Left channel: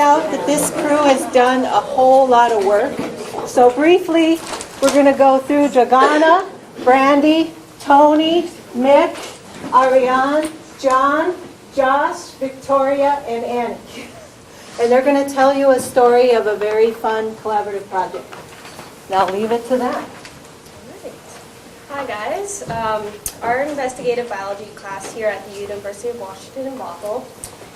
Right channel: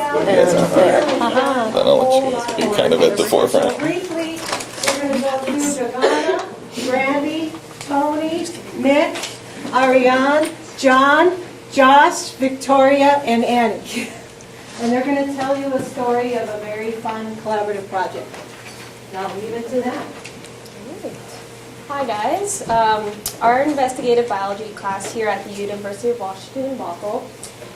out that this crew has done a whole lot of work. Kind of at the So forefront. briefly, we're going to go through Dragana, Brandy, Tony, Mick, Ariane, John, Josh, Victoria, and Annie. And they're going to tell you a story of a very fun collaborative project. Now leave it to them. Hi guys. Our investigative biology class here at the University of Washington Bothell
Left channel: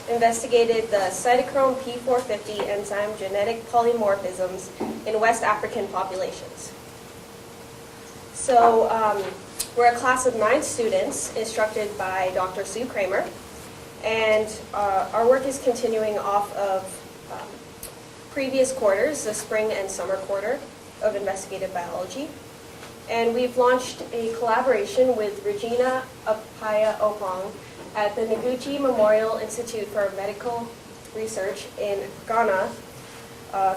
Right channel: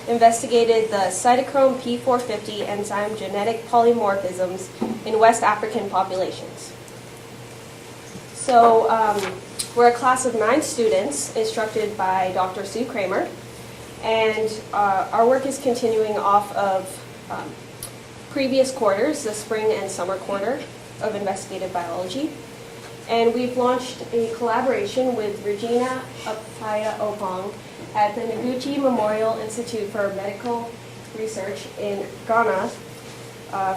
investigated the Cytochrome P450 enzyme genetic polymorphisms in West African populations. So we're a class of 9 students instructed by Dr. Sue Kramer, and our work is continuing off of previous quarters, the spring and summer quarter of investigative biology. And we've launched a collaboration with Regina Apaya Opong at the Noguchi Memorial Institute for Medical Research in Ghana,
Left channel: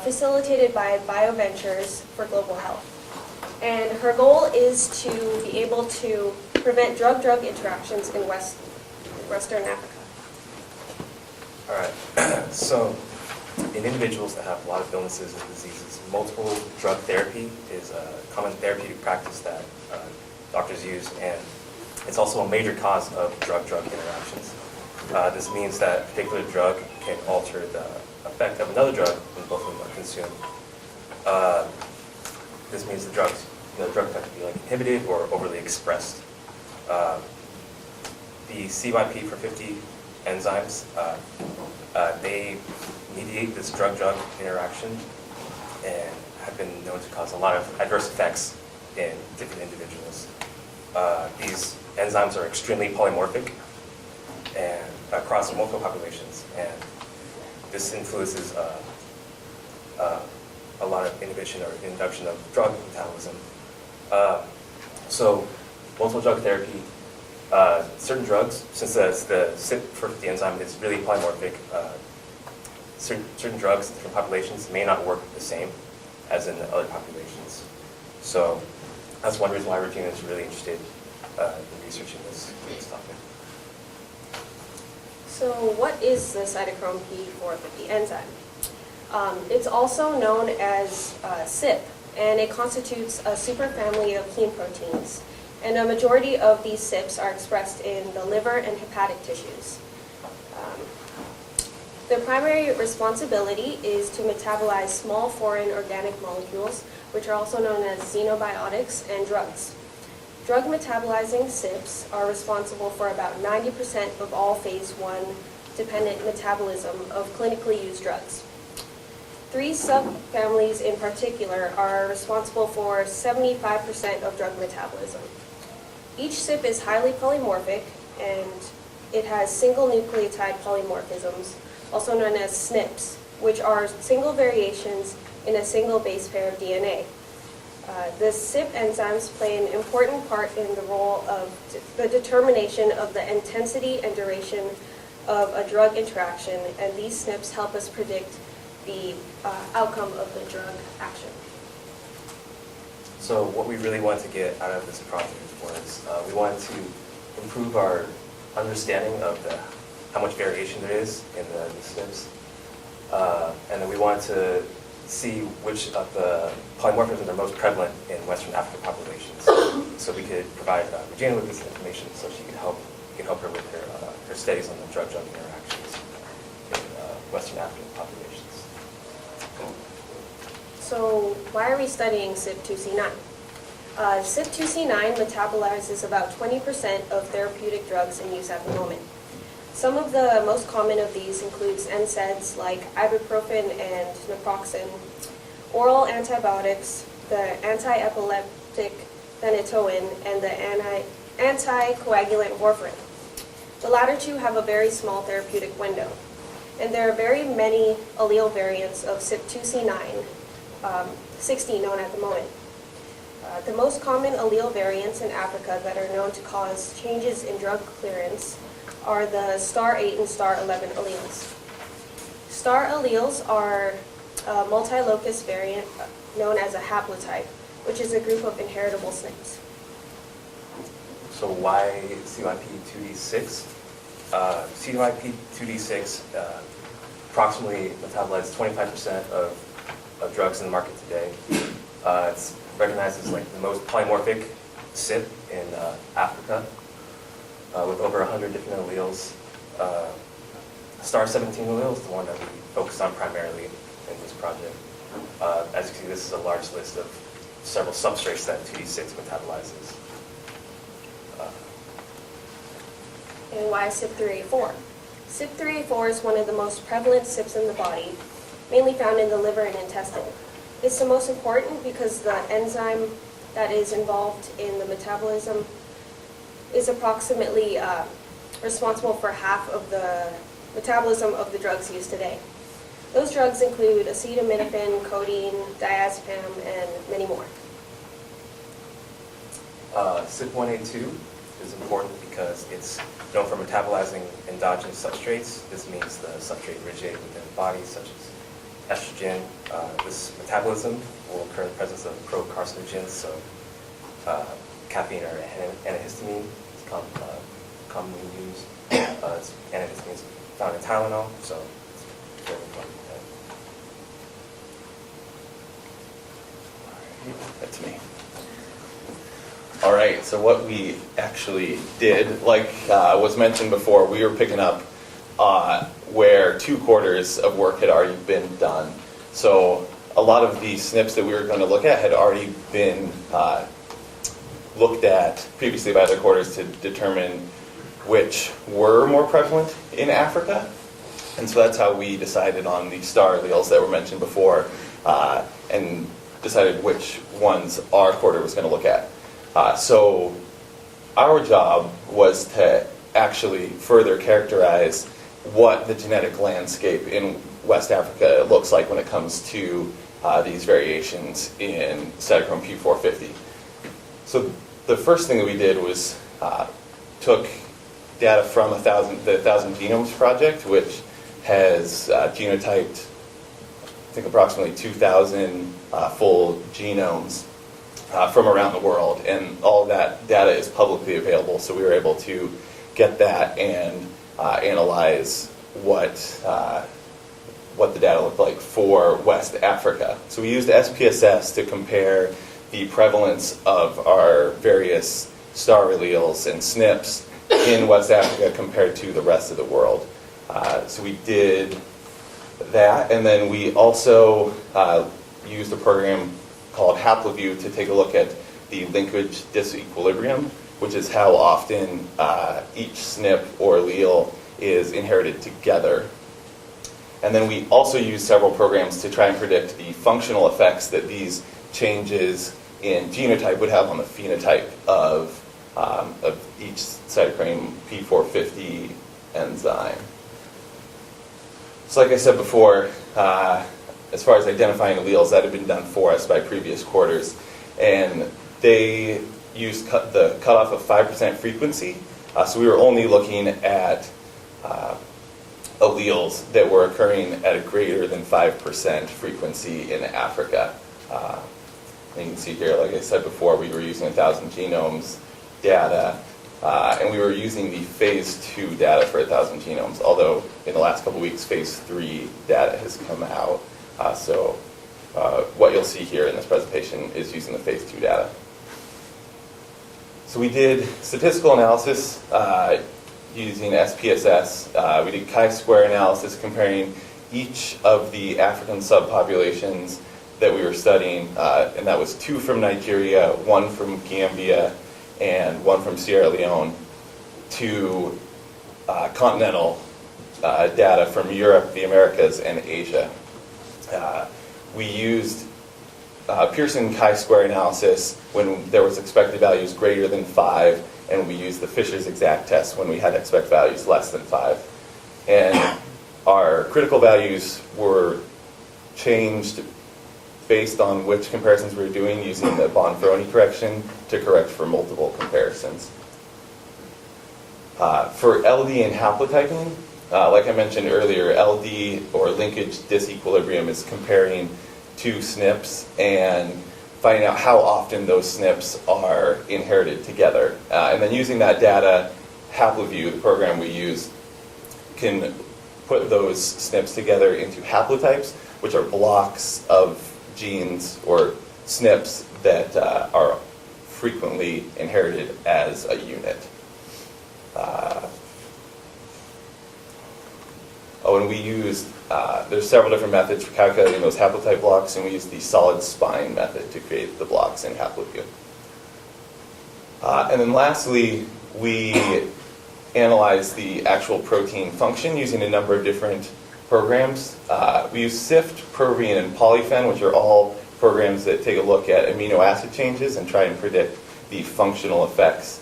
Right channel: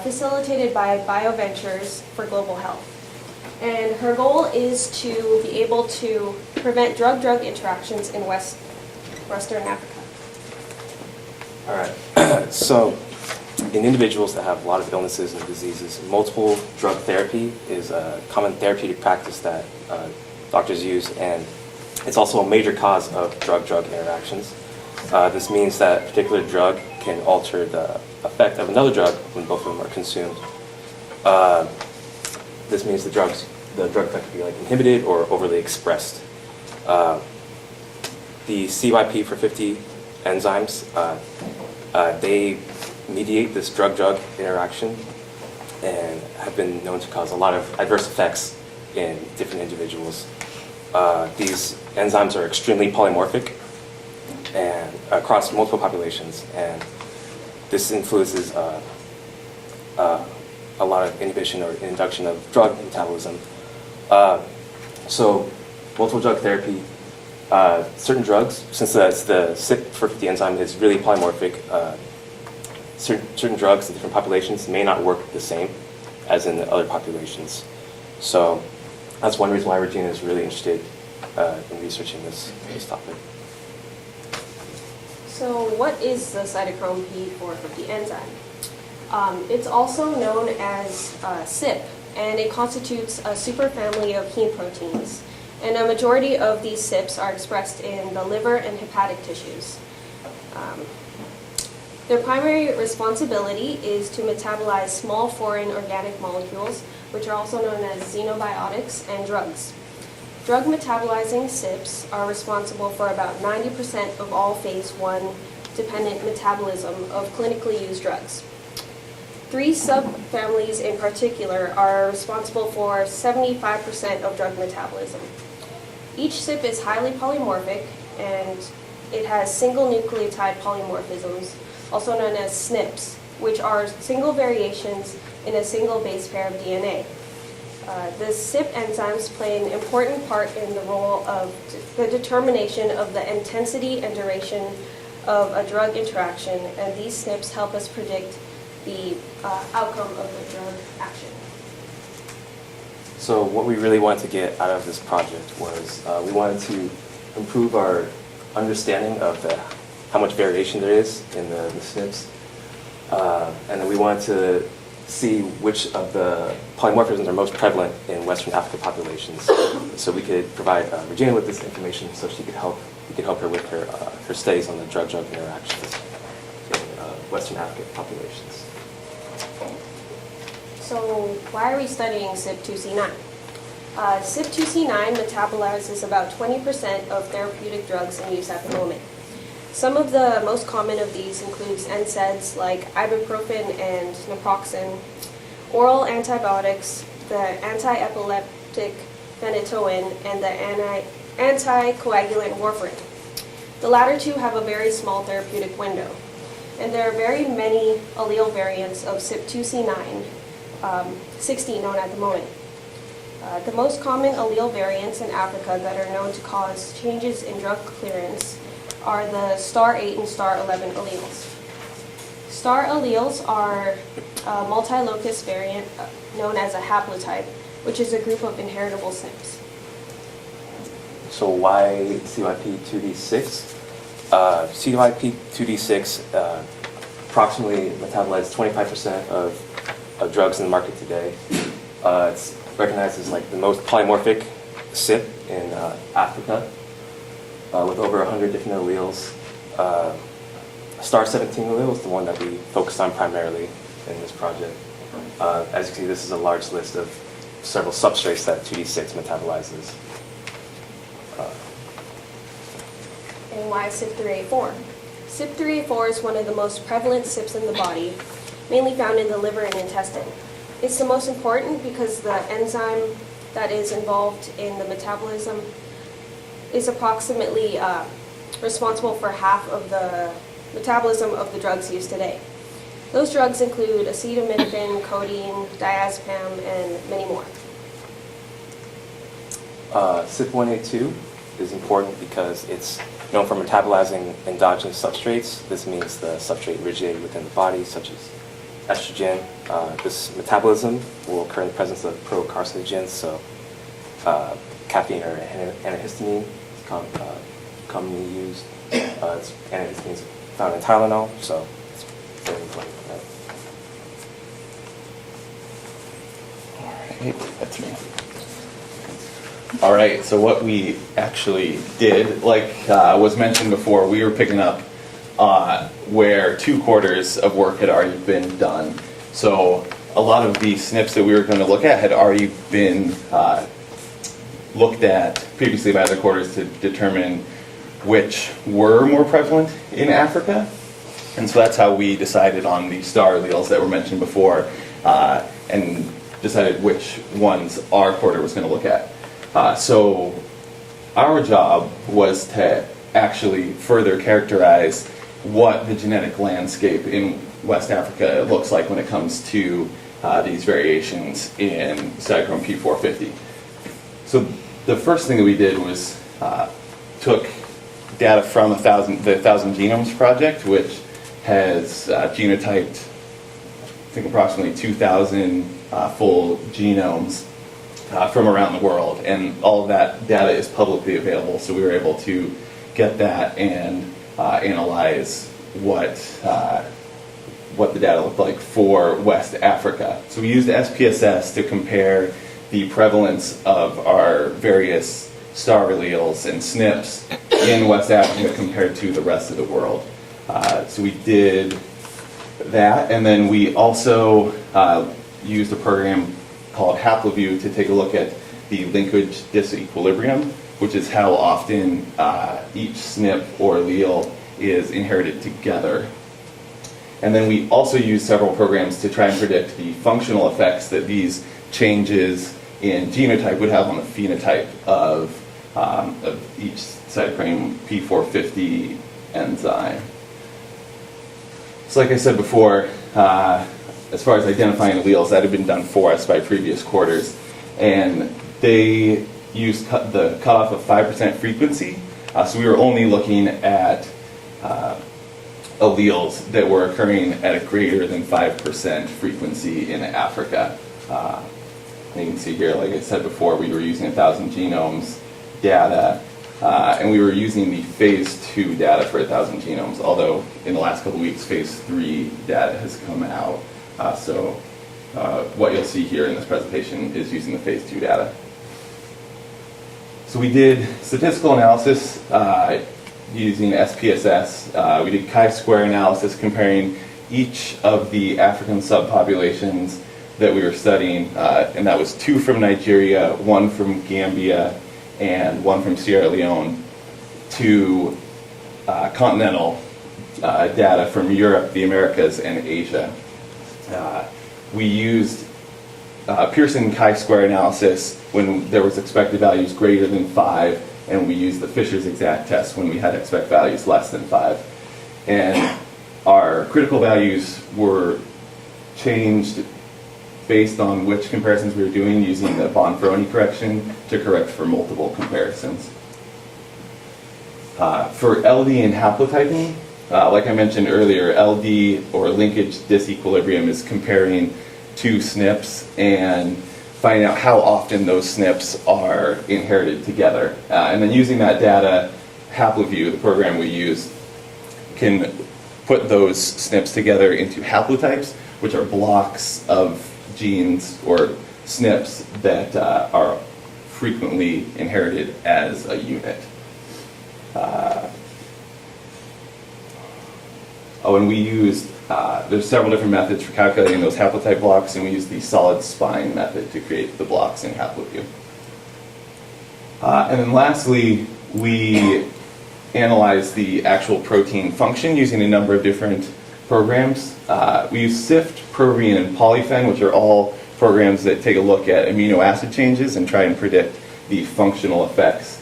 facilitated by BioVentures for Global Health. And her goal is to be able to prevent drug-drug interactions in Western Africa. All right. So in individuals that have a lot of illnesses and diseases, multiple drug therapy is a common therapeutic practice that doctors use, and it's also a major cause of drug-drug interactions. This means that a particular drug can alter the effect of another drug when both of them are consumed. This means the drug effect can be like inhibited or overly expressed. The CYP450 enzymes, they mediate this drug-drug interaction and have been known to cause a lot of adverse effects in different individuals. These enzymes are extremely polymorphic and across multiple populations, and this influences a lot of inhibition or induction of drug metabolism. So multiple drug therapy, certain drugs, since the CYP450 enzyme is really polymorphic, certain drugs in different populations may not work the same as in other populations. So that's one reason why Regina is really interested in researching this topic. So what is the cytochrome P450 enzyme? It's also known as CYP, and it constitutes a superfamily of heme proteins. And a majority of these CYPs are expressed in the liver and hepatic tissues. Their primary responsibility is to metabolize small foreign organic molecules, which are also known as xenobiotics and drugs. Drug metabolizing CYPs are responsible for about 90% of all phase 1 dependent metabolism of clinically used drugs. 3 subfamilies in particular are responsible for 75% of drug metabolism. Each CYP is highly polymorphic, and it has single nucleotide polymorphisms, also known as SNPs, which are single variations in a single base pair of DNA. The CYP enzymes play an important part in the role of the determination of the intensity and duration of a drug interaction, and these SNPs help us predict the outcome of the drug action. So what we really wanted to get out of this project was we wanted to improve our understanding of how much variation there is in the SNPs, and then we wanted to see which of the polymorphisms are most prevalent in Western African populations. So we could provide Regina with this information so we could help her with her studies on the drug-drug interactions in Western African populations. So why are we studying CYP2C9? CYP2C9 metabolizes about 20% of therapeutic drugs in use at the moment. Some of the most common of these includes NSAIDs like ibuprofen and naproxen, oral antibiotics, the anti-epileptic phenytoin, and the anticoagulant warfarin. The latter two have a very small therapeutic window, and there are very many allele variants of CYP2C9, 60 known at the moment. The most common allele variants in Africa that are known to cause changes in drug clearance are the star 8 and star 11 alleles. Star alleles are a multi-locus variant known as a haplotype, which is a group of inheritable SNPs. So why CYP2D6? CYP2D6 approximately metabolize 25% of drugs in the market today. It's recognized as like the most polymorphic CYP in Africa, with over 100 different alleles. Star 17 allele is the one that we focused on primarily in this project. As you can see, this is a large list of several substrates that 2D6 metabolizes. And why CYP3A4? CYP3A4 is one of the most prevalent CYPs in the body, mainly found in the liver and intestine. It's the most important because the enzyme that is involved in the metabolism is approximately responsible for half of the metabolism of the drugs used today. Those drugs include acetaminophen, codeine, diazepam, and many more. CYP1A2 is important because it's known for metabolizing endogenous substrates. This means the substrate originated within the body, such as estrogen. This metabolism will occur in the presence of pro-carcinogens, so caffeine or antihistamine is commonly used. Antihistamine is found in Tylenol, so it's very important. All right, that's me. All right, so what we actually did, like was mentioned before, we were picking up where 2/4 of work had already been done. So a lot of the SNPs that we were going to look at had already been looked at previously by other quarters to determine which were more prevalent in Africa. And so that's how we decided on the star alleles that were mentioned before and decided which ones our quarter was going to look at. So our job was to actually further characterize what the genetic landscape in West Africa looks like when it comes to these variations in Cytochrome P450. So the first thing that we did was took data from the 1,000 Genomes Project, which has genotyped, I think, approximately 2,000 full genomes from around the world, and all of that data is publicly available, so we were able to get that and analyze what the data looked like for West Africa. So we used SPSS to compare the prevalence of our various star alleles and SNPs in West Africa compared to the rest of the world. So we did that, and then we also used a program called HaploView to take a look at the linkage disequilibrium, which is how often each SNP or allele is inherited together. And then we also used several programs to try and predict the functional effects that these changes in genotype would have on the phenotype of each cytochrome P450 enzyme. So like I said before, as far as identifying alleles, that had been done for us by previous quarters, and they used the cutoff of 5% frequency, so we were only looking at alleles that were occurring at a greater than 5% frequency in Africa. And you can see here, like I said before, we were using 1,000 genomes data, and we were using the phase 2 data for 1,000 genomes, although in the last couple of weeks, phase 3 data has come out. So what you'll see here in this presentation is using the phase 2 data. So we did statistical analysis using SPSS. We did chi-square analysis comparing each of the African subpopulations that we were studying, and that was 2 from Nigeria, 1 from Gambia, and 1 from Sierra Leone, to continental data from Europe, the Americas, and Asia. We used Pearson chi-square analysis when there was expected values greater than 5, and we used the Fisher's exact test when we had expect values less than 5. And our critical values were changed based on which comparisons we were doing, using the Bonferroni correction to correct for multiple comparisons. For LD and haplotyping, like I mentioned earlier, LD, or linkage disequilibrium, is comparing 2 SNPs and finding out how often those SNPs are inherited together. And then using that data, HaploView, the program we use, can put those SNPs together into haplotypes, which are blocks of genes or SNPs that are frequently inherited as a unit. And we used, there's several different methods for calculating those haplotype blocks, and we used the solid spine method to create the blocks in HaploView. And then lastly, we analyzed the actual protein function using a number of different programs. We use SIFT, Protein, and Polyphen, which are all programs that take a look at amino acid changes and try and predict the functional effects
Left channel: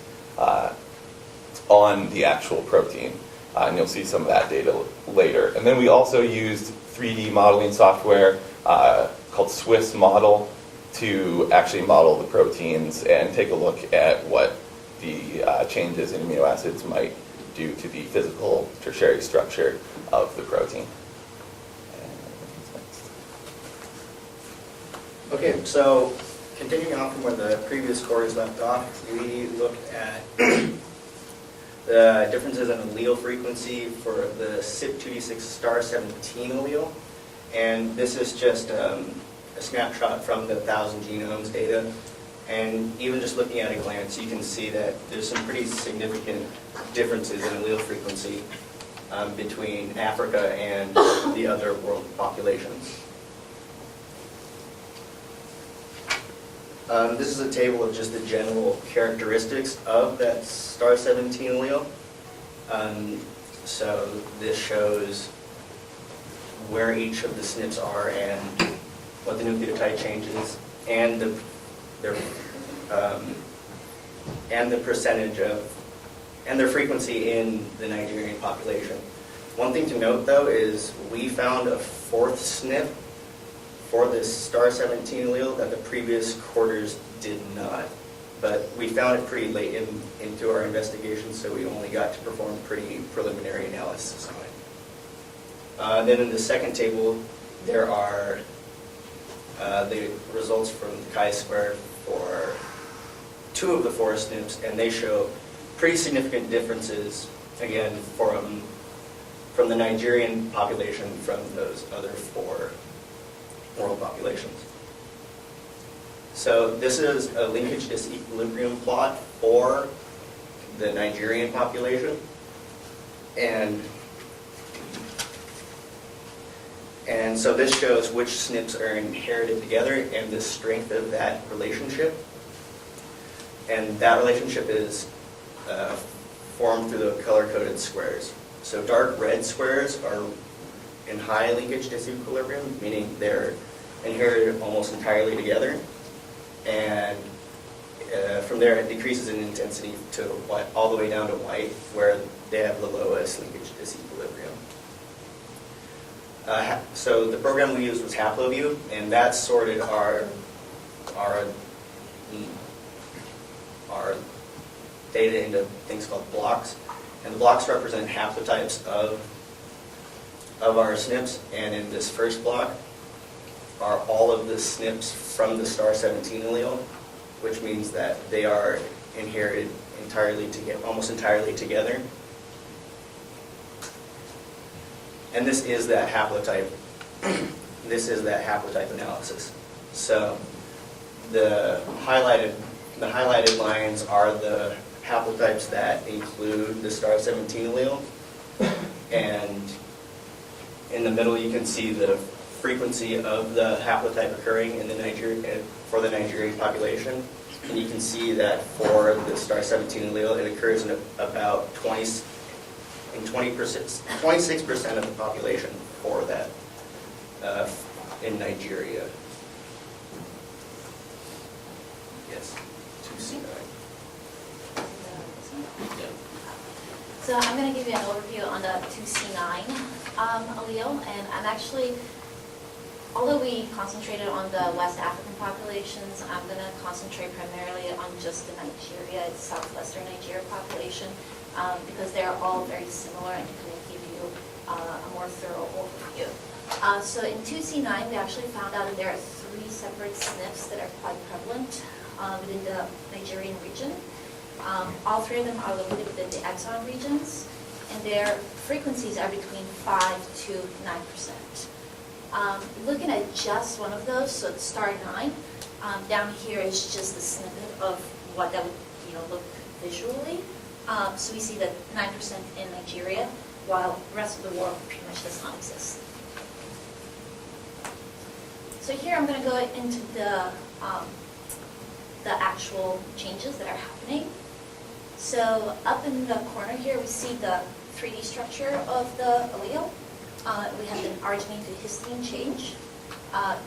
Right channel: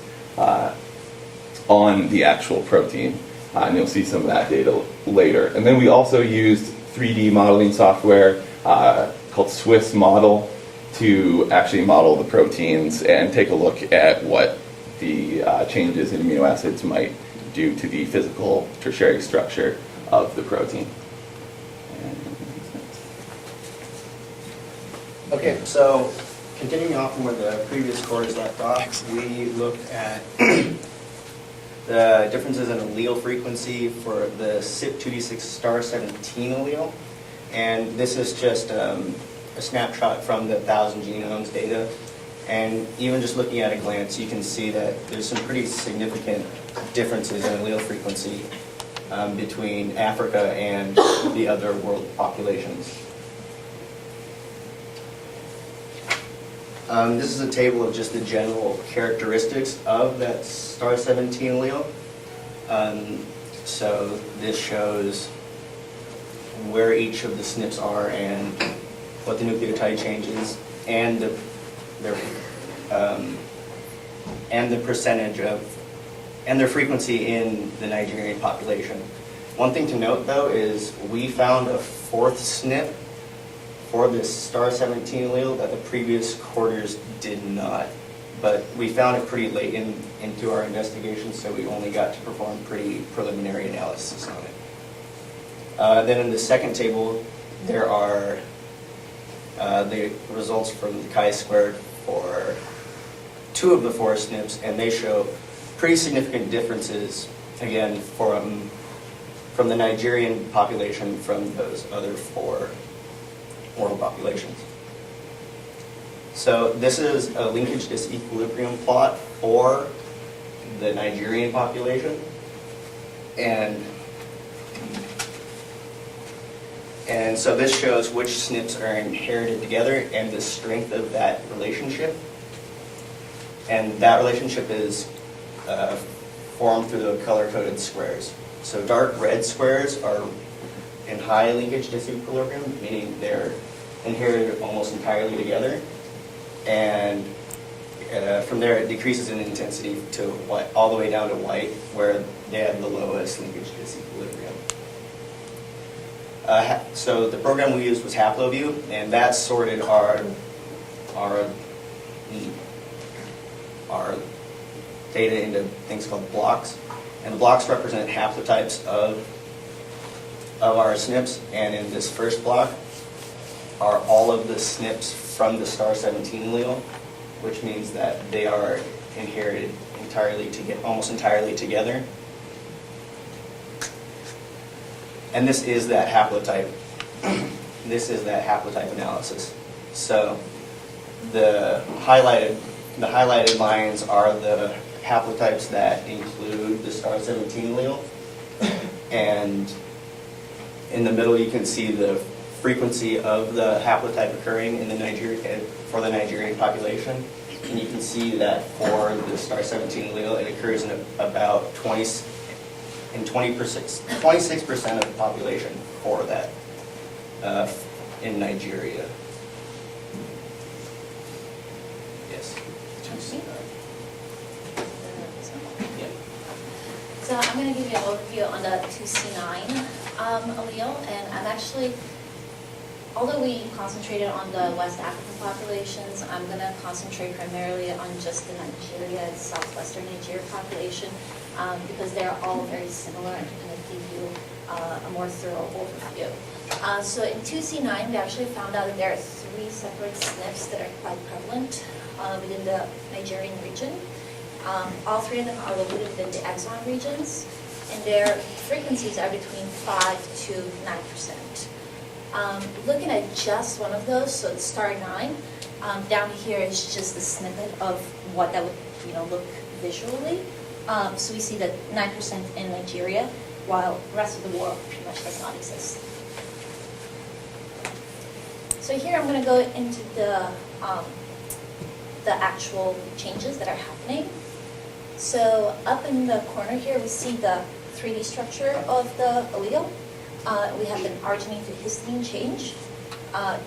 on the actual protein. And you'll see some of that data later. And then we also used 3D modeling software called Swiss Model to actually model the proteins and take a look at what the changes in amino acids might do to the physical tertiary structure of the protein. Okay, so continuing off from where the previous quarters left off, we looked at the differences in allele frequency for the CYP2D6 star 17 allele. And this is just a snapshot from the 1,000 genomes data. And even just looking at a glance, you can see that there's some pretty significant differences in allele frequency between Africa and the other world populations. This is a table of just the general characteristics of that star 17 allele. So this shows where each of the SNPs are and what the nucleotide change is, and the percentage of, and their frequency in the Nigerian population. One thing to note though is we found a fourth SNP for this star 17 allele that the previous quarters did not. But we found it pretty late into our investigation, so we only got to perform pretty preliminary analysis on it. Then in the second table, there are the results from the chi-squared for 2 of the 4 SNPs, and they show pretty significant differences, again, from the Nigerian population from those other 4 world populations. So this is a linkage disequilibrium plot for the Nigerian population, and so this shows which SNPs are inherited together and the strength of that relationship. And that relationship is formed through the color-coded squares. So dark red squares are in high linkage disequilibrium, meaning they're inherited almost entirely together. And from there, it decreases in intensity to white, all the way down to white, where they have the lowest linkage disequilibrium. So the program we used was HaploView, and that sorted our data into things called blocks. And the blocks represent haplotypes of our SNPs, and in this first block are all of the SNPs from the star 17 allele, which means that they are inherited almost entirely together. And this is that haplotype. This is that haplotype analysis. So the highlighted lines are the haplotypes that include the star 17 allele, and in the middle you can see the frequency of the haplotype occurring in for the Nigerian population. And you can see that for the star 17 allele, it occurs in about 26% of the population for that in Nigeria. Yes. Yeah. So I'm going to give you an overview on the 2C9 allele, and I'm actually, although we concentrated on the West African populations, I'm going to concentrate primarily on just the Nigeria and southwestern Nigeria population, because they are all very similar and to kind of give you a more thorough overview. So in 2C9, we actually found out that there are 3 separate SNPs that are quite prevalent within the Nigerian region. All 3 of them are located within the exon regions. and their frequencies are between 5 to 9%. Looking at just one of those, so the star 9, down here is just a snippet of what that would look visually. So we see that 9% in Nigeria, while the rest of the world pretty much does not exist. So here I'm going to go into the actual changes that are happening. So up in the corner here, we see the 3D structure of the allele. We have an arginine to histidine change.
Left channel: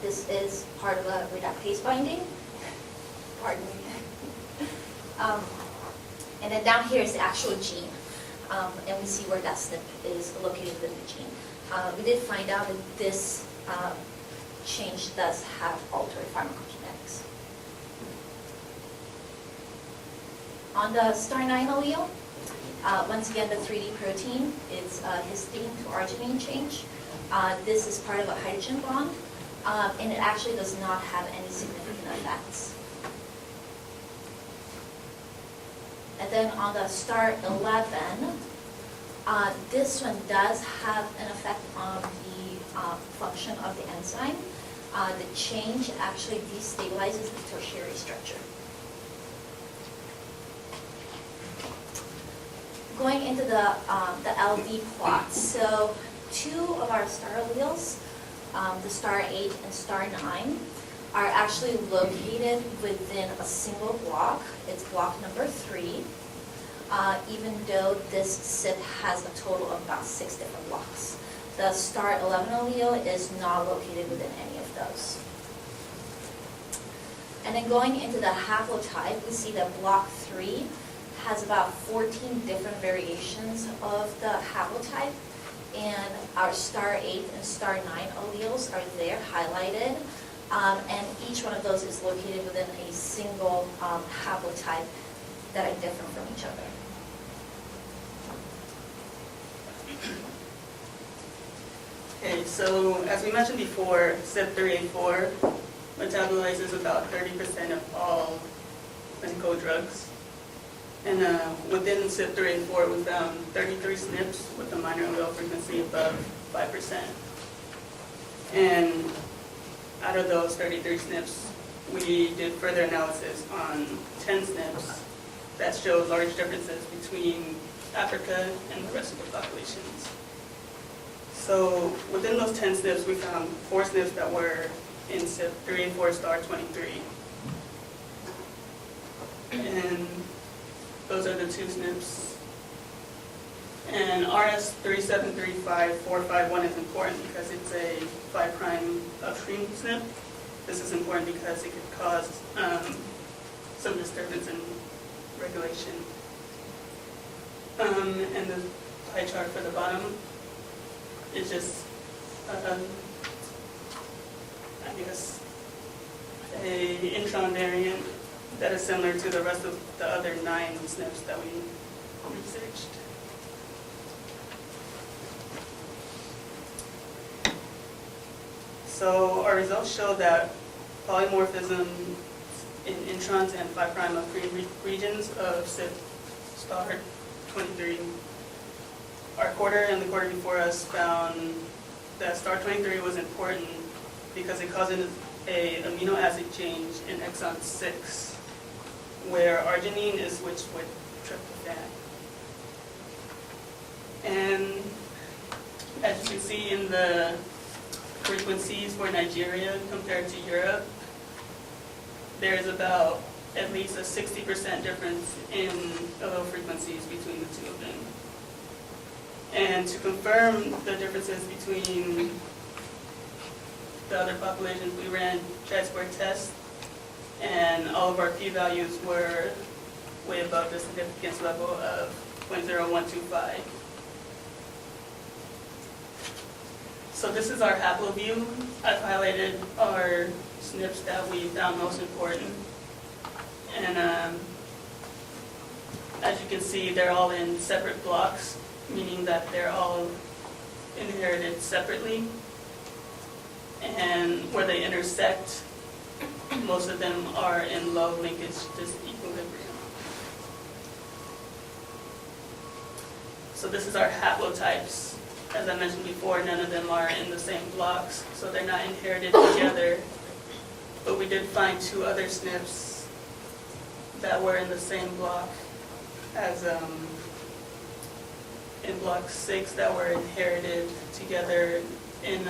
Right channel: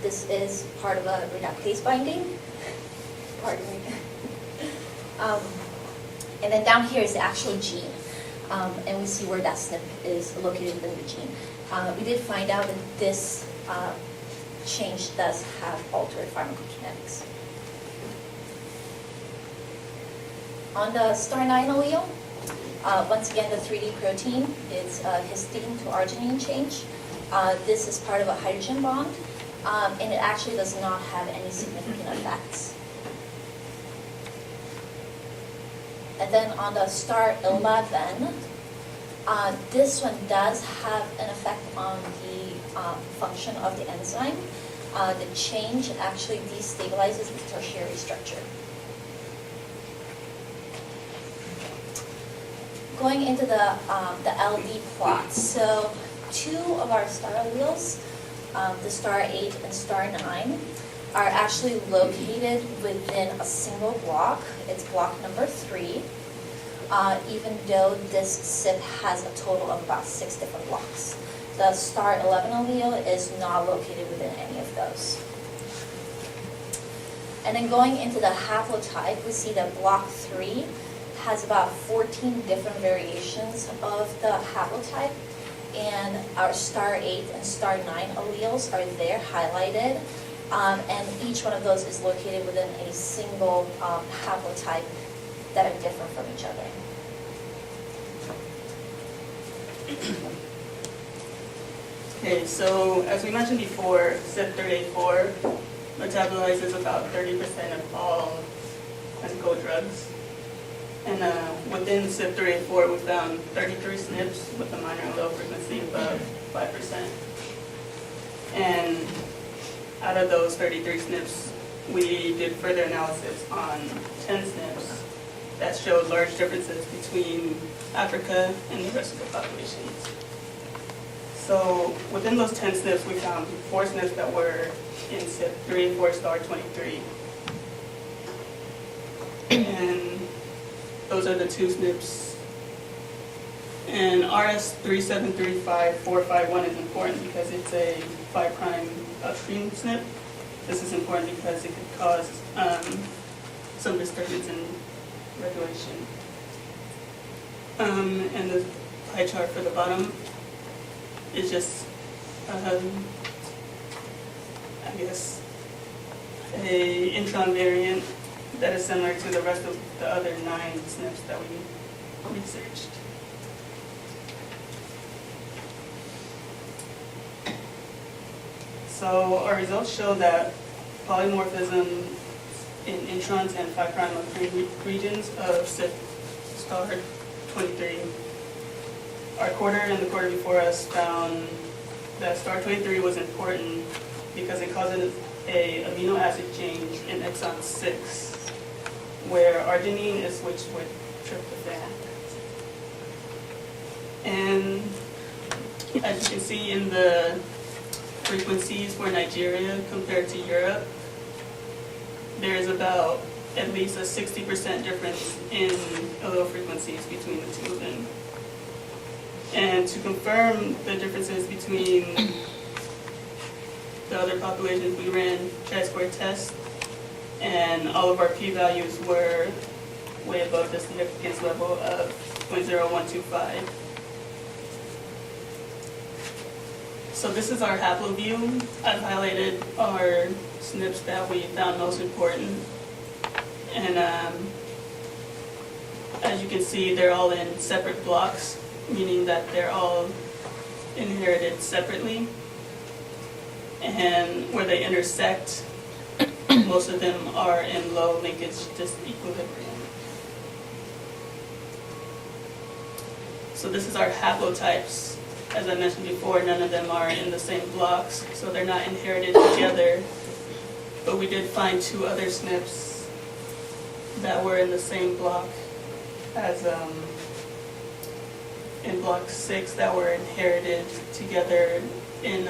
This is part of a reductase binding. Pardon me. And then down here is the actual gene. And we see where that SNP is located within the gene. We did find out that this change does have altered pharmacokinetics. On the star 9 allele, once again, the 3D protein is histidine to arginine change. This is part of a hydrogen bond, and it actually does not have any significant effects. And then on the star 11, this one does have an effect on the function of the enzyme. The change actually destabilizes the tertiary structure. Going into the LD plot, so 2 of our star alleles, the star 8 and star 9, are actually located within a single block. It's block number 3, even though this SIP has a total of about 6 different blocks. The star 11 allele is not located within any of those. And then going into the haplotype, we see that block 3 has about 14 different variations of the haplotype, and our star 8 and star 9 alleles are there highlighted, and each one of those is located within a single haplotype that are different from each other. Okay, so as we mentioned before, CYP3A4 metabolizes about 30% of all clinical drugs. And within CYP3A4, we found 33 SNPs with a minor and low frequency above 5%. And out of those 33 SNPs, we did further analysis on 10 SNPs that showed large differences between Africa and the rest of the populations. So within those 10 SNPs, we found 4 SNPs that were in CYP3A4 star 23. And those are the 2 SNPs. And RS3735451 is important because it's a 5' upstream SNP. This is important because it could cause some disturbance in regulation. And the pie chart for the bottom is just, I guess, a intron variant that is similar to the rest of the other 9 SNPs that we researched. So our results show that polymorphism in introns and 5' upstream regions of CYP star 23. Our quarter and the quarter before us found that star 23 was important because it causes an amino acid change in exon 6, where arginine is switched with tryptophan. And as you can see in the frequencies for Nigeria compared to Europe, there is about at least a 60% difference in allele frequencies between the 2 of them. And to confirm the differences between the other populations, we ran chi-square tests, and all of our p-values were way above the significance level of 0.0125. So this is our haploview. I've highlighted our SNPs that we found most important. And as you can see, they're all in separate blocks, meaning that they're all inherited separately. And where they intersect, most of them are in low linkage disequilibrium. So this is our haplotypes. As I mentioned before, none of them are in the same blocks, so they're not inherited together. But we did find 2 other SNPs that were in the same block as in block 6 that were inherited together in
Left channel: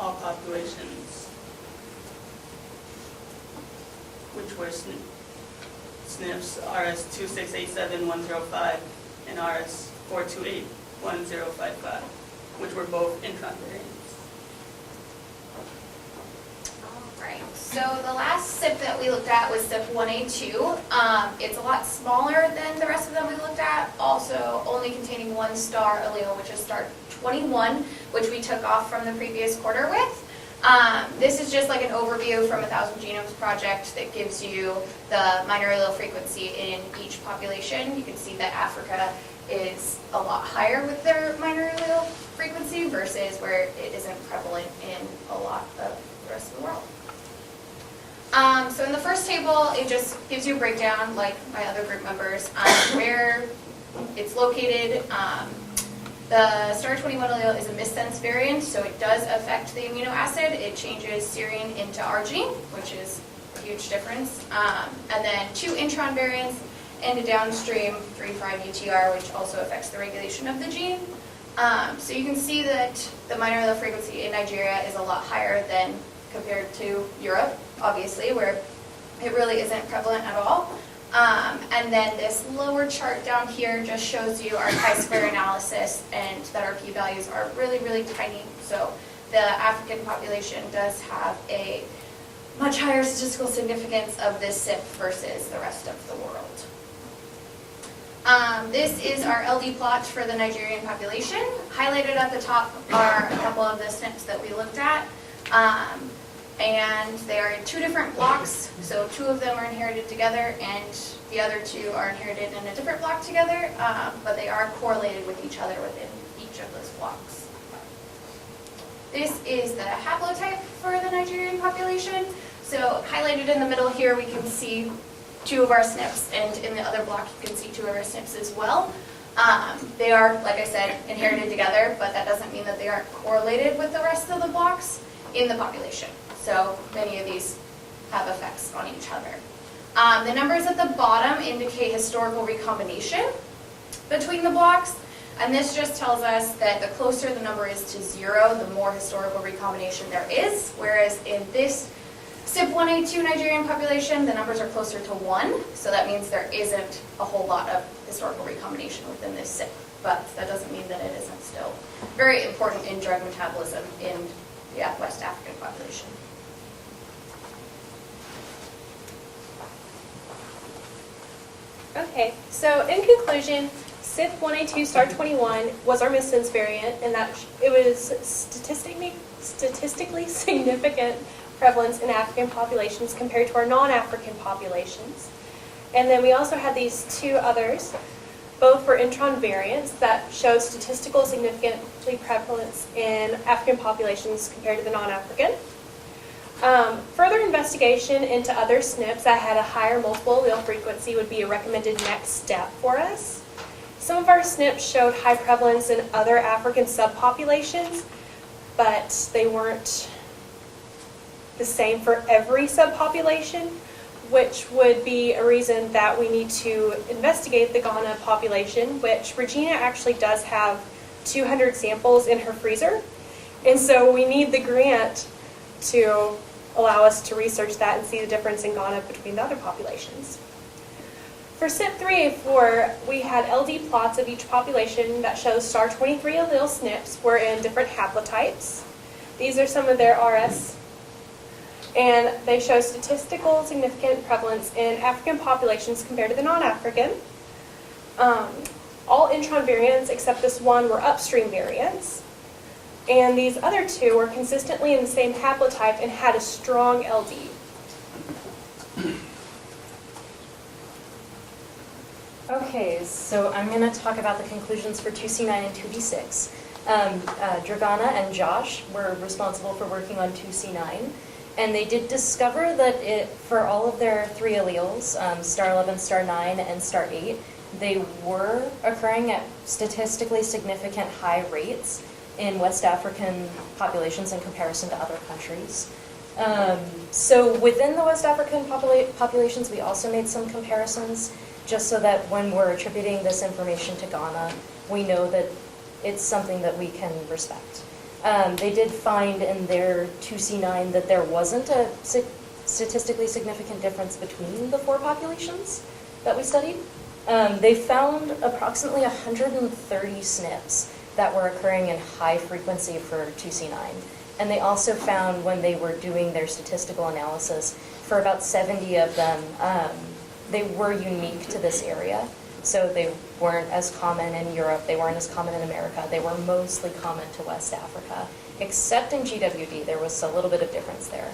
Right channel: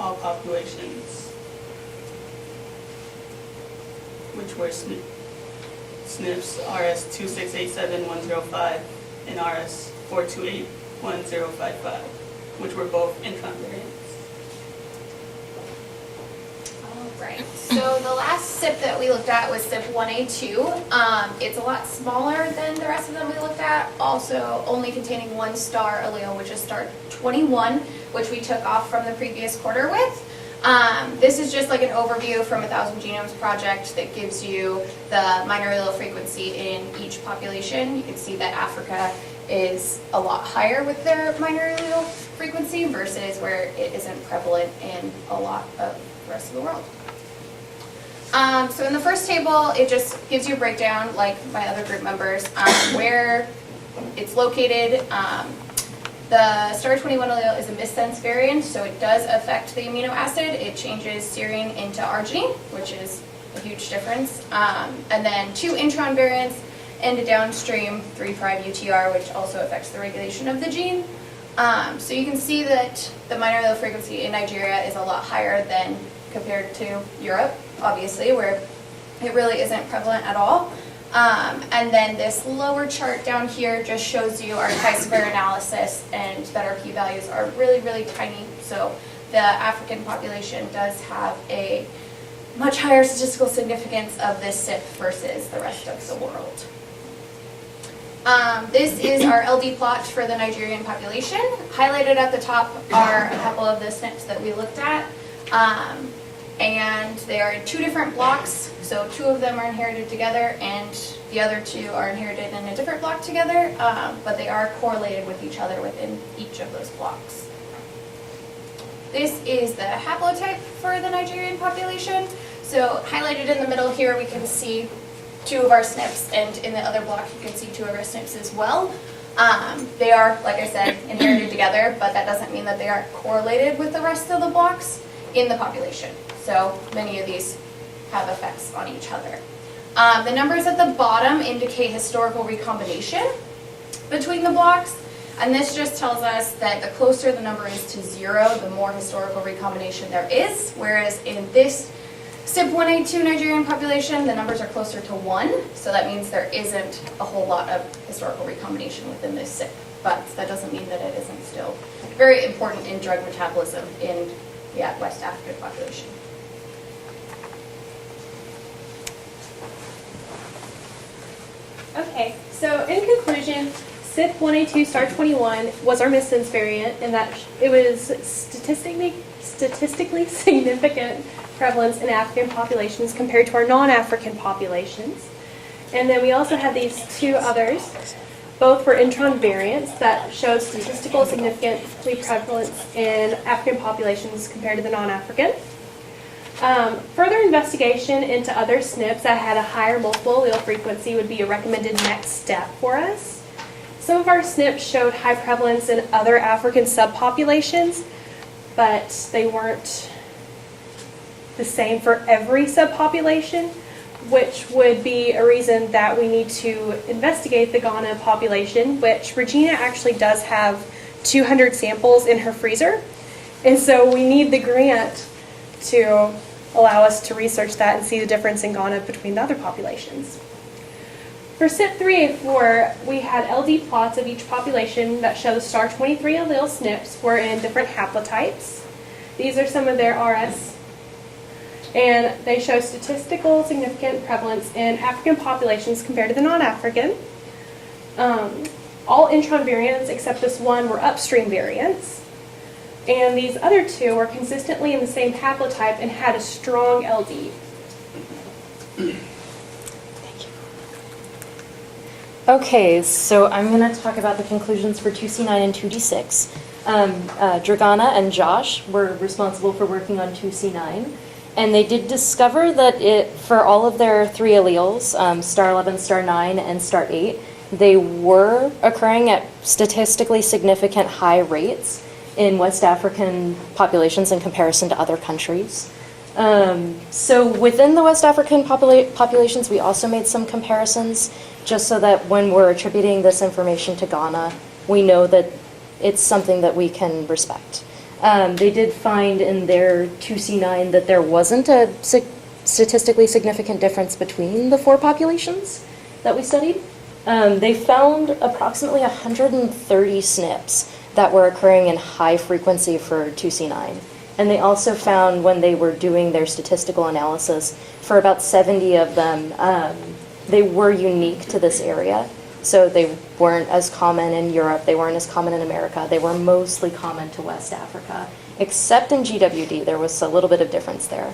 all populations, which were SNPs RS2687105 and RS4281055, which were both intron variants. Right. So the last SIP that we looked at was SIP 1A2. It's a lot smaller than the rest of them we looked at, also only containing 1 star allele, which is star 21, which we took off from the previous quarter with. This is just like an overview from 1,000 Genomes Project that gives you the minor allele frequency in each population. You can see that Africa is a lot higher with their minor allele frequency versus where it isn't prevalent in a lot of the rest of the world. So in the first table, it just gives you a breakdown, like by other group members, where it's located. The star 21 allele is a missense variant, so it does affect the amino acid. It changes serine into arginine, which is a huge difference. And then 2 intron variants and a downstream 3' UTR, which also affects the regulation of the gene. So you can see that the minor allele frequency in Nigeria is a lot higher than compared to Europe, obviously, where it really isn't prevalent at all. And then this lower chart down here just shows you our chi-square analysis, and that our p-values are really, really tiny. So the African population does have a much higher statistical significance of this SIP versus the rest of the world. This is our LD plot for the Nigerian population. Highlighted at the top are a couple of the SNPs that we looked at. And they are in 2 different blocks, so 2 of them are inherited together, and the other 2 are inherited in a different block together, but they are correlated with each other within each of those blocks. This is the haplotype for the Nigerian population. So highlighted in the middle here, we can see 2 of our SNPs, and in the other block, you can see 2 of our SNPs as well. They are, like I said, inherited together, but that doesn't mean that they aren't correlated with the rest of the blocks in the population. So many of these have effects on each other. The numbers at the bottom indicate historical recombination between the blocks, and this just tells us that the closer the number is to 0, the more historical recombination there is, whereas in this SIP 1A2 Nigerian population, the numbers are closer to 1, so that means there isn't a whole lot of historical recombination within this SIP, but that doesn't mean that it isn't still very important in drug metabolism in the West African population. Okay, so in conclusion, SIP 1A2 star 21 was our missense variant, and that it was statistically significant prevalence in African populations compared to our non-African populations. And then we also had these 2 others. Both were intron variants that showed statistical significantly prevalence in African populations compared to the non-African. Further investigation into other SNPs that had a higher multiple allele frequency would be a recommended next step for us. Some of our SNPs showed high prevalence in other African subpopulations, but they weren't the same for every subpopulation, which would be a reason that we need to investigate the Ghana population, which Regina actually does have 200 samples in her freezer. And so we need the grant to allow us to research that and see the difference in Ghana between the other populations. For SIP 3A4, we had LD plots of each population that show star 23 allele SNPs were in different haplotypes. These are some of their RS. And they show statistical significant prevalence in African populations compared to the non-African. All intron variants except this one were upstream variants. And these other 2 were consistently in the same haplotype and had a strong LD. Okay, so I'm going to talk about the conclusions for 2C9 and 2D6. Dragana and Josh were responsible for working on 2C9. And they did discover that for all of their 3 alleles, star 11, star 9, and star 8, they were occurring at statistically significant high rates in West African populations in comparison to other countries. So within the West African populations, we also made some comparisons, just so that when we're attributing this information to Ghana, we know that it's something that we can respect. They did find in their 2C9 that there wasn't a statistically significant difference between the 4 populations that we studied. They found approximately 130 SNPs that were occurring in high frequency for 2C9. And they also found, when they were doing their statistical analysis, for about 70 of them, they were unique to this area. So they weren't as common in Europe, they weren't as common in America, they were mostly common to West Africa. Except in GWD, there was a little bit of difference there.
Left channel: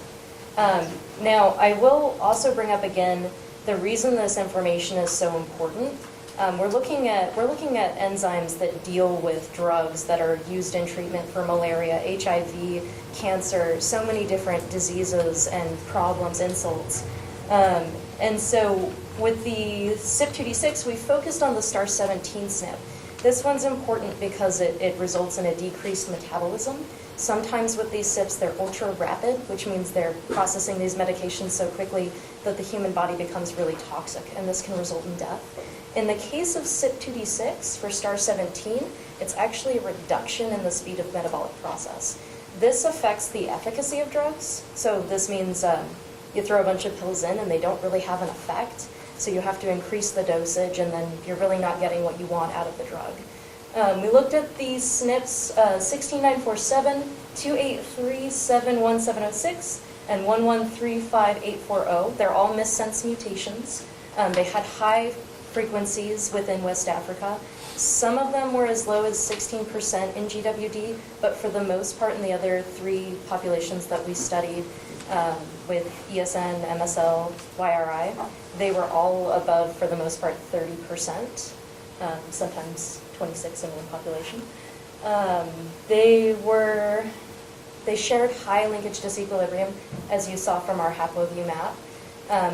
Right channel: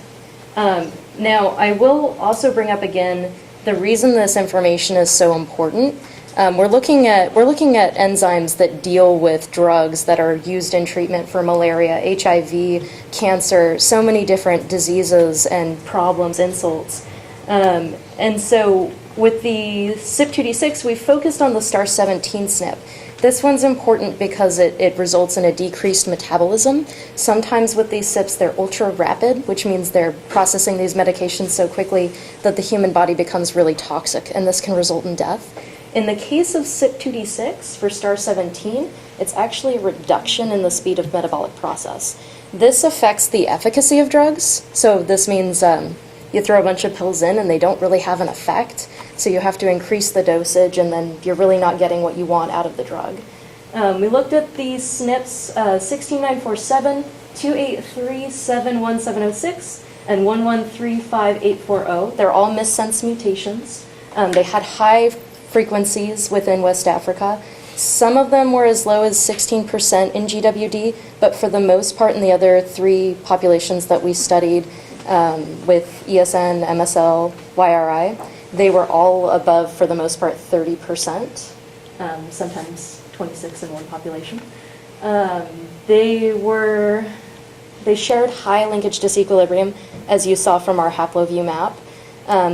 Now, I will also bring up again the reason this information is so important. We're looking at enzymes that deal with drugs that are used in treatment for malaria, HIV, cancer, so many different diseases and problems, insults. And so with the CYP2D6, we focused on the star 17 SNP. This one's important because it results in a decreased metabolism. Sometimes with these CYPs, they're ultra rapid, which means they're processing these medications so quickly that the human body becomes really toxic, and this can result in death. In the case of CYP2D6 for star 17, it's actually a reduction in the speed of metabolic process. This affects the efficacy of drugs, so this means you throw a bunch of pills in and they don't really have an effect, so you have to increase the dosage, and then you're really not getting what you want out of the drug. We looked at these SNPs 16947, 283, 71706, and 1135840. They're all missense mutations. They had high frequencies within West Africa. Some of them were as low as 16% in GWD, but for the most part in the other 3 populations that we studied with ESN, MSL, YRI, they were all above, for the most part, 30%, sometimes 26 in one population. They shared high linkage disequilibrium, as you saw from our haploview map.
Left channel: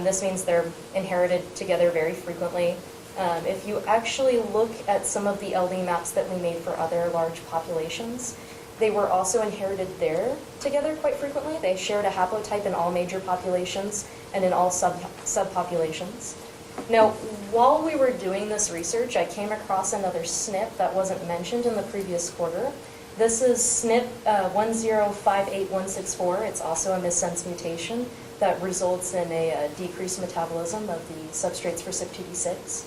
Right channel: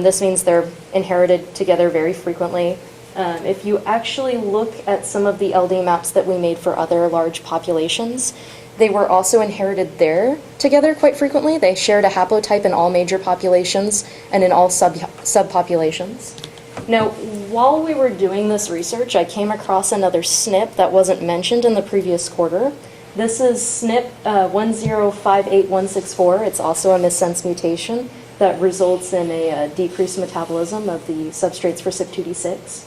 This means they're inherited together very frequently. If you actually look at some of the LD maps that we made for other large populations, they were also inherited there together quite frequently. They shared a haplotype in all major populations and in all subpopulations. Now, while we were doing this research, I came across another SNP that wasn't mentioned in the previous quarter. This is SNP 1058164. It's also a missense mutation that results in a decreased metabolism of the substrates for CYP2D6.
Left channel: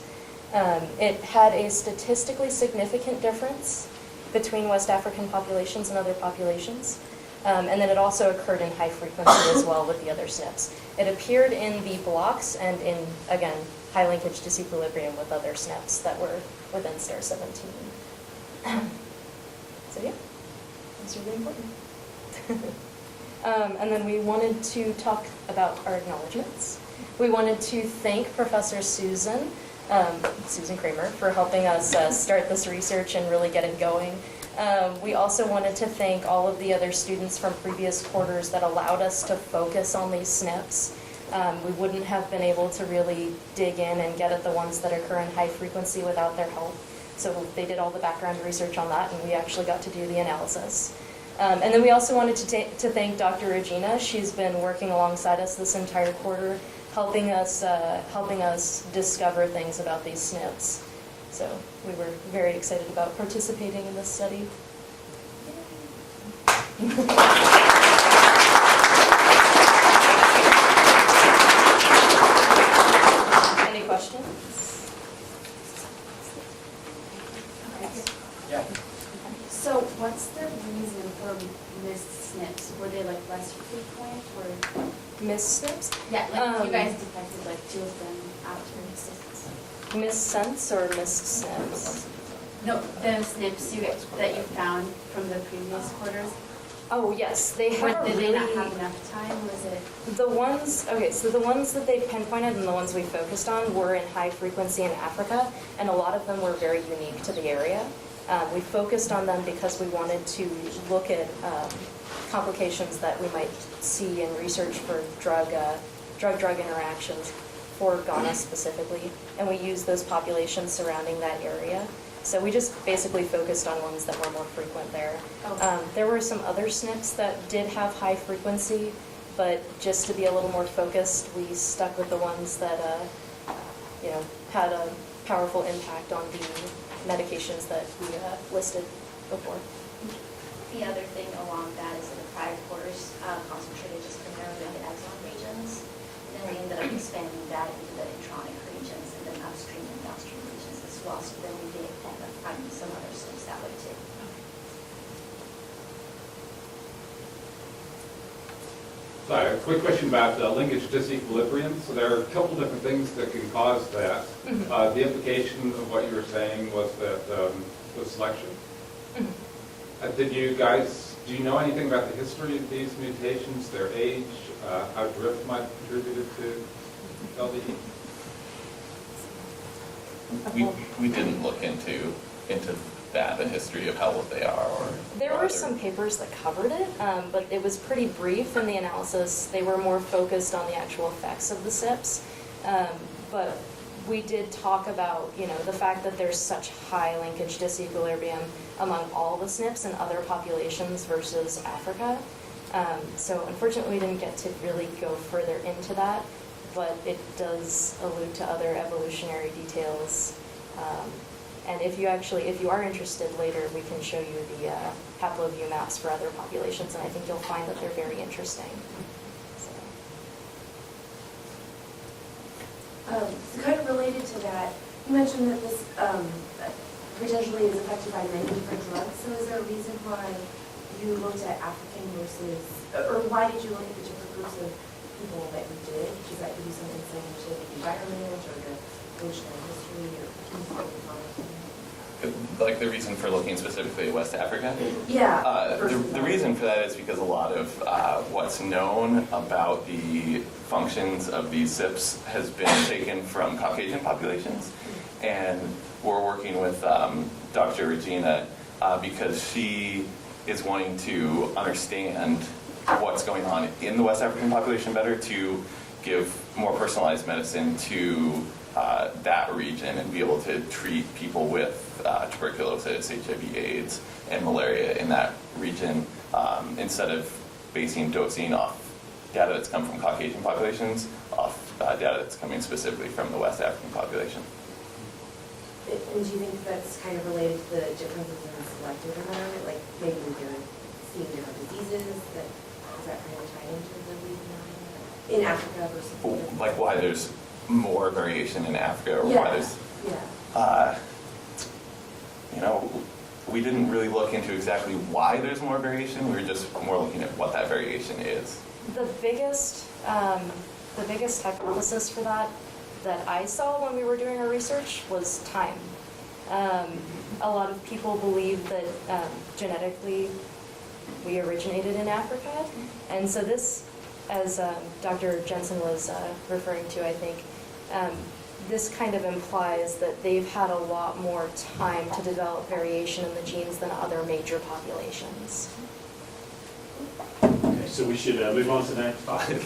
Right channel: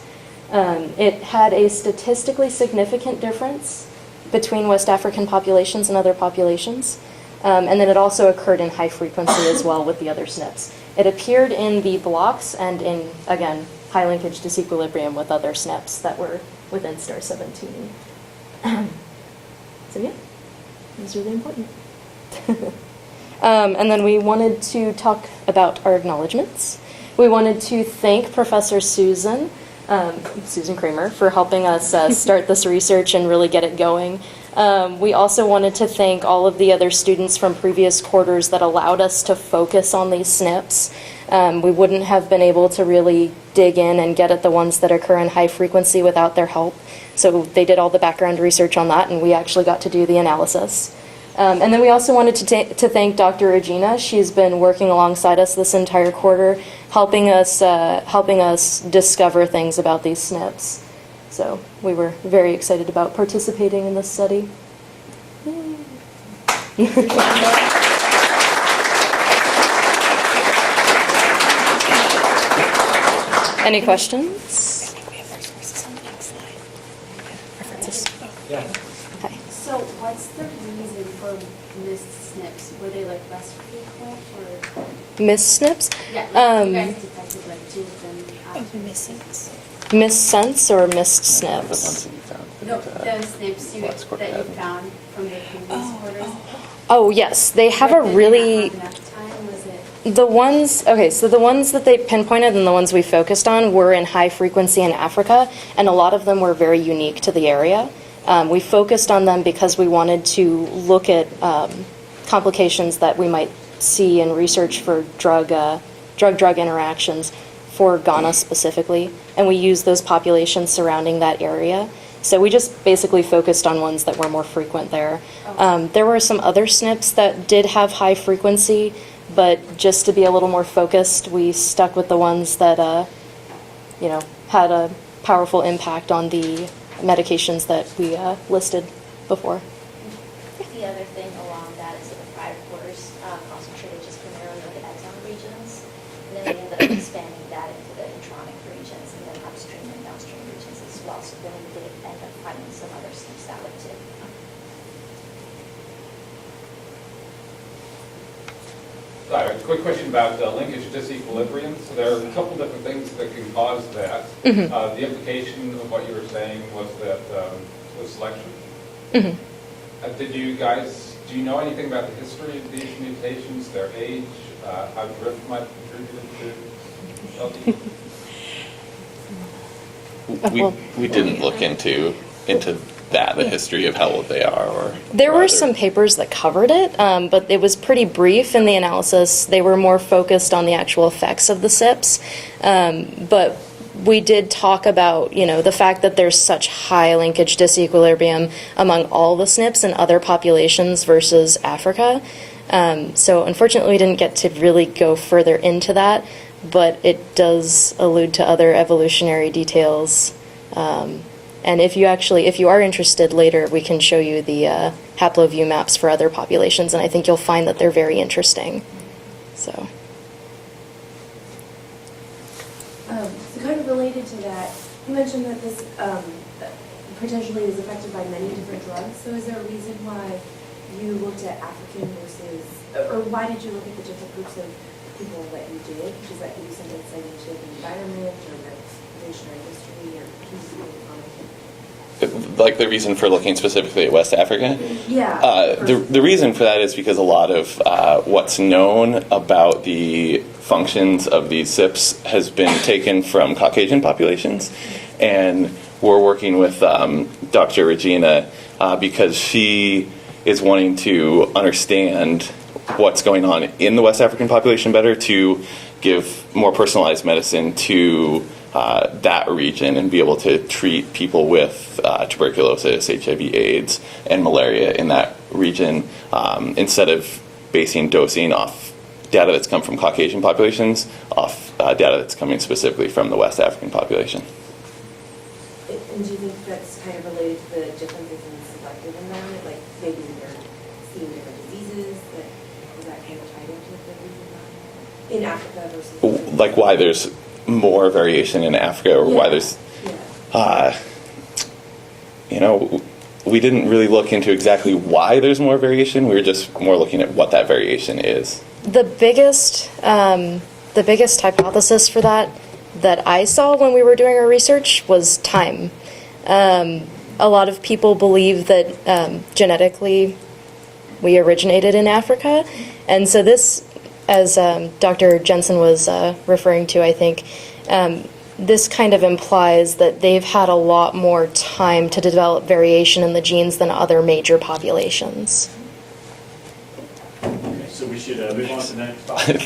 It had a statistically significant difference between West African populations and other populations. And then it also occurred in high frequency as well with the other SNPs. It appeared in the blocks and in, again, high linkage disequilibrium with other SNPs that were within star 17. So yeah, it was really important. And then we wanted to talk about our acknowledgements. We wanted to thank Professor Susan Kramer, for helping us start this research and really get it going. We also wanted to thank all of the other students from previous quarters that allowed us to focus on these SNPs. We wouldn't have been able to really dig in and get at the ones that occur in high frequency without their help. So they did all the background research on that, and we actually got to do the analysis. And then we also wanted to thank Dr. Regina. She's been working alongside us this entire quarter, helping us discover things about these SNPs. So we were very excited about participating in this study. Any questions? Yeah. Okay. So what's the reason for missed SNPs? Were they like less frequent or? Missed SNPs? Yeah, like you guys detected like 2 of them after. Missed sense or missed SNPs? No, the SNPs that you found from the previous quarters. Oh yes, they have a really. The ones that they pinpointed and the ones we focused on were in high frequency in Africa, and a lot of them were very unique to the area. We focused on them because we wanted to look at complications that we might see in research for drug interactions for Ghana specifically, and we used those populations surrounding that area. So we just basically focused on ones that were more frequent there. There were some other SNPs that did have high frequency, but just to be a little more focused, we stuck with the ones that, had a powerful impact on the medications that we listed before. The other thing along that is that the prior quarters concentrated just primarily on the exon regions, and then we ended up expanding that into the intronic regions and then upstream and downstream regions as well. So then we did end up finding some other SNPs that way too. I have a quick question about linkage disequilibrium. So there are a couple different things that can cause that. Mhm. The implication of what you were saying was that was selection. Mhm. Do you know anything about the history of these mutations, their age, how drift might have contributed to LD? We didn't look into that, the history of how old they are, or There or were other- some papers that covered it, but it was pretty brief in the analysis. They were more focused on the actual effects of the SIPs. But we did talk about, the fact that there's such high linkage disequilibrium among all the SNPs and other populations versus Africa. So unfortunately, we didn't get to really go further into that, but it does allude to other evolutionary details. And if you are interested later, we can show you the haploview maps for other populations, and I think you'll find that they're very interesting. So. So kind of related to that, you mentioned that this potentially is affected by many different drugs. So is there a reason why you looked at African versus, or why did you look at the different groups of people that you did? Does that give you some insight into the environment or the evolutionary history, or can you focus on it? Like the reason for looking specifically at West Africa? Yeah. The reason for that is because a lot of what's known about the functions of these SIPs has been taken from Caucasian populations. And we're working with Dr. Regina because she is wanting to understand what's going on in the West African population better, to give more personalized medicine to that region and be able to treat people with tuberculosis, HIV/AIDS, and malaria in that region, instead of basing dosing off data that's come from Caucasian populations, off data that's coming specifically from the West African population. And do you think that's kind of related to the differences in the selective environment? Like maybe they're seeing different diseases, is that kind of tied into the reason in Africa versus? Like why there's more variation in Africa, or why there's, we didn't really look into exactly why there's more variation. We were just more looking at what that variation is. The biggest hypothesis for that I saw when we were doing our research was time. A lot of people believe that genetically we originated in Africa, and so this, as Dr. Jensen was referring to, I think, this kind of implies that they've had a lot more time to develop variation in the genes than other major populations. So we should move on to the next topic.